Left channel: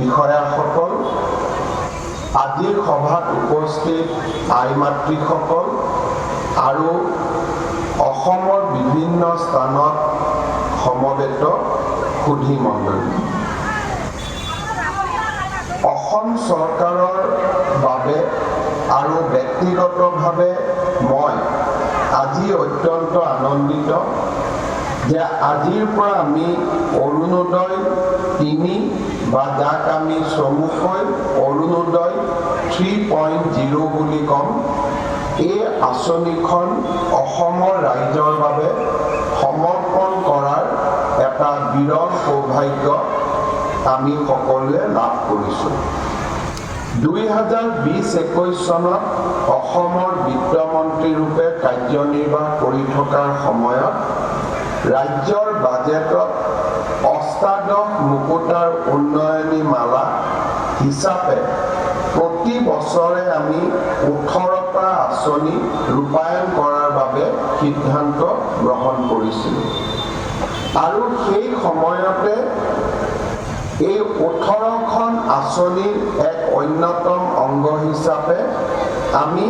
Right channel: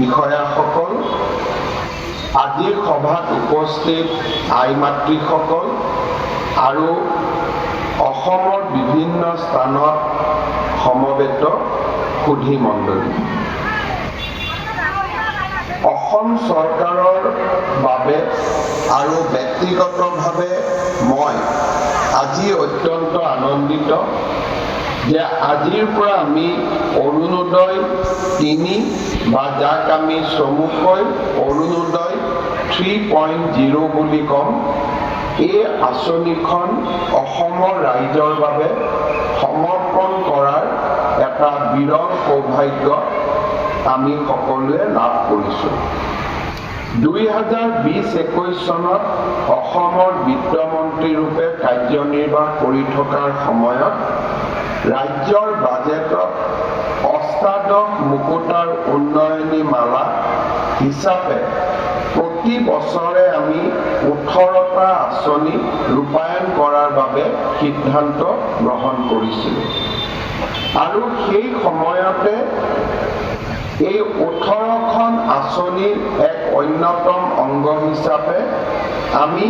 বিষয়াসকল, আজিৰ সভাত উপস্থিত আই মাতৃসকল আৰু অসমৰ বিভিন্ন স্থানত সমবেত সুধী মণ্ডলী। অসম চৰকাৰৰ বাবে আৰু ব্যক্তিগতভাৱে মই আজি অত্যন্ত আনন্দিত যে আজিৰ পৰা আমি অৰুণোদয় ৩ বা যাক আমি চমুকৈ অৰুণোদয় 3.0 বুলি ক'ম, এই আঁচনিখন অসমৰ ৰাইজৰ বাবে সমৰ্পণ কৰাৰ এটা বিৰল সৌভাগ্য আমি সকলোৱে লাভ কৰিছোঁ। 2020-21 চনত অসমৰ বিত্তমন্ত্ৰী ৰূপে কাৰ্যনিৰ্বাহ কৰি থকাৰ সময়ত ৰাজ্যৰ বাজেটত অষ্টাদশ মুকুতাৰ উন্নয়নী মালা হিচাপে প্ৰতি বছৰে আমি 18টা আঁচনি ৰূপায়ণ কৰাৰ বাবে সিদ্ধান্ত গ্ৰহণ কৰিছিলোঁ আৰু সেই সময়তে এই 18খন আঁচনিৰ এক অন্যতম অংগ হিচাপে আমি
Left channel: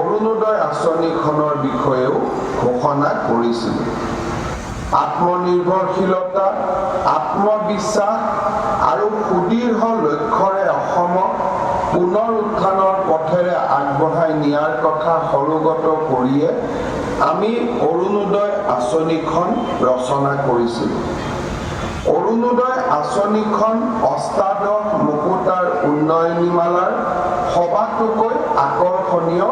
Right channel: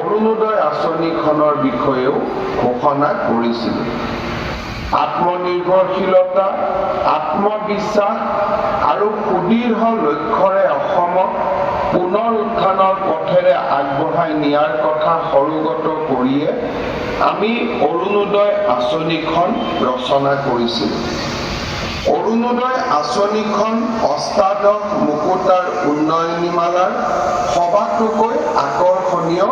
অৰুণোদয় আঁচনিখনৰ বিষয়েও ঘোষণা কৰিছিলোঁ। আত্মনিৰ্ভৰশীলতা, আত্মবিশ্বাস আৰু সুদৃঢ় লক্ষ্যৰে অসমক পুনৰ উত্থানৰ পথেৰে আগবঢ়াই নিয়াৰ কথা সৰুগত কৰিয়ে আমি অৰুণোদয় আঁচনিখন ৰচনা কৰিছিলোঁ। অৰুণোদয় আঁচনিখন অষ্টাদশ মুকুতাৰ উন্নয়নীমালাৰ সবাতোকৈ আকৰ্ষণীয়